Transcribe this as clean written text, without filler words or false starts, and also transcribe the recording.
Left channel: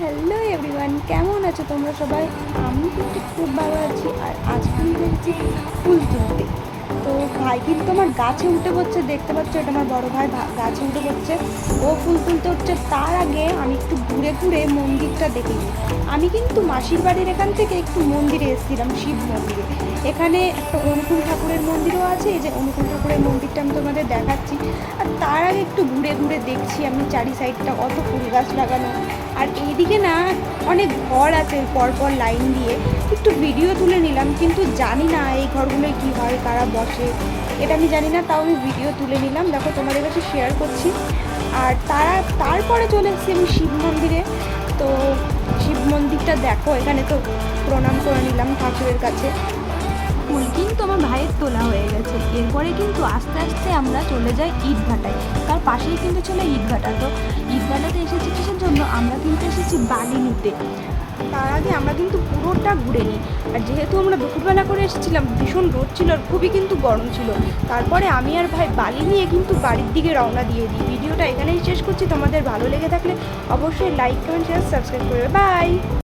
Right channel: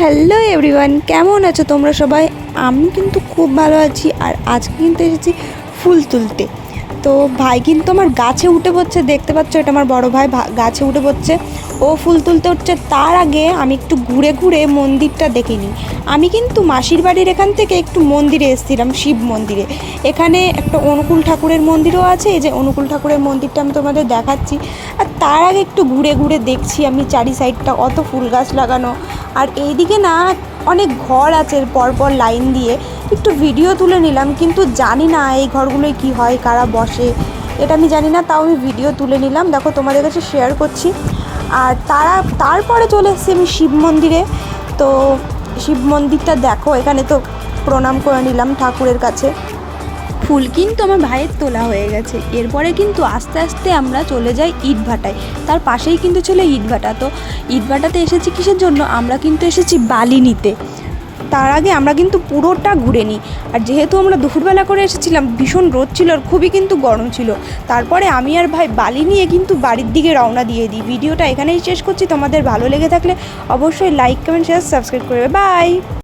Hello everyone, কেমন আছো তোমরা সবাই? আমি কিন্তু খুব ভালো আছি। আর আজকে কিন্তু এসেছি ফুল তুলতে। তো ভাই কিন্তু আমার গাছে উঠে পড়ছে, দেখতে পাচ্ছ, এটা আমার বড় ভাই গাছে উঠে পড়ছে, ও ফুল তুলতে উঠছে। তার আগে আমি একটু ঘুরে ঘুরে মন্দিরটা দেখে নিই। আমি কিন্তু মাসির বাড়ির এখান থেকে একটু মন্দিরে এসেছিলাম, শিব মন্দিরে। এখানে একটা অনুকূল ঠাকুরের মন্দিরও আছে, এই যে অনুকূল ঠাকুরের মন্দিরটা আমি তোমাদের দেখাচ্ছি। আর তার আগে একটু ঘুরে ঘুরে দেখছি আমি চারি সাইডটা, অত ফুল গাছ লাগানো। আর এইদিকে না অনেক ঘর আছে পরপর লাইন দিয়ে, একটু ভিডিও তুলে নিলাম, কিন্তু জানি না এই ঘরগুলোয় কি হয়, কারা বসে, এটা আমি জানি না, তাও আমি ভিডিও তুলে নিলাম, দেখো তোমাদের কাছে শেয়ার করছি। আর তারপরে চলে এসেছি আমি শিব মন্দিরে। তো শিব মন্দিরটা দেখো, এখানে তো প্রণাম করে নিলাম ঠাকুরের কাছে। ফুল কিন্তু আমার ভাইয়ের তোলা হয়ে গেছে। এরপরে কিন্তু আস্তে আস্তে আমরা চলে যাই ইটভাটায়। তার পাশেই কিন্তু ছিল ইটভাটা। তো ইটভাটাতে এসেছি কিসের জন্য? আমরা কিন্তু এসেছি বালি নিতে। তার আগে আমরা কিন্তু পুরোটা ঘুরে নিই। আর যেহেতু আমরা দুপুরবেলা করে এসেছিলাম, ভীষণ রোদ ছিল আর খুবই কিন্তু গরম ছিল। তারপরে আমি আর ভাই বালি নিয়ে কিন্তু বাড়ির দিকে রওনা দিয়ে দিই। ভিডিওটা এখানেই শেষ করছি। তোমাদের ভালো লেগে থাকলে অবশ্যই লাইক, কমেন্ট, শেয়ার, সাবস্ক্রাইব করবে। বাই।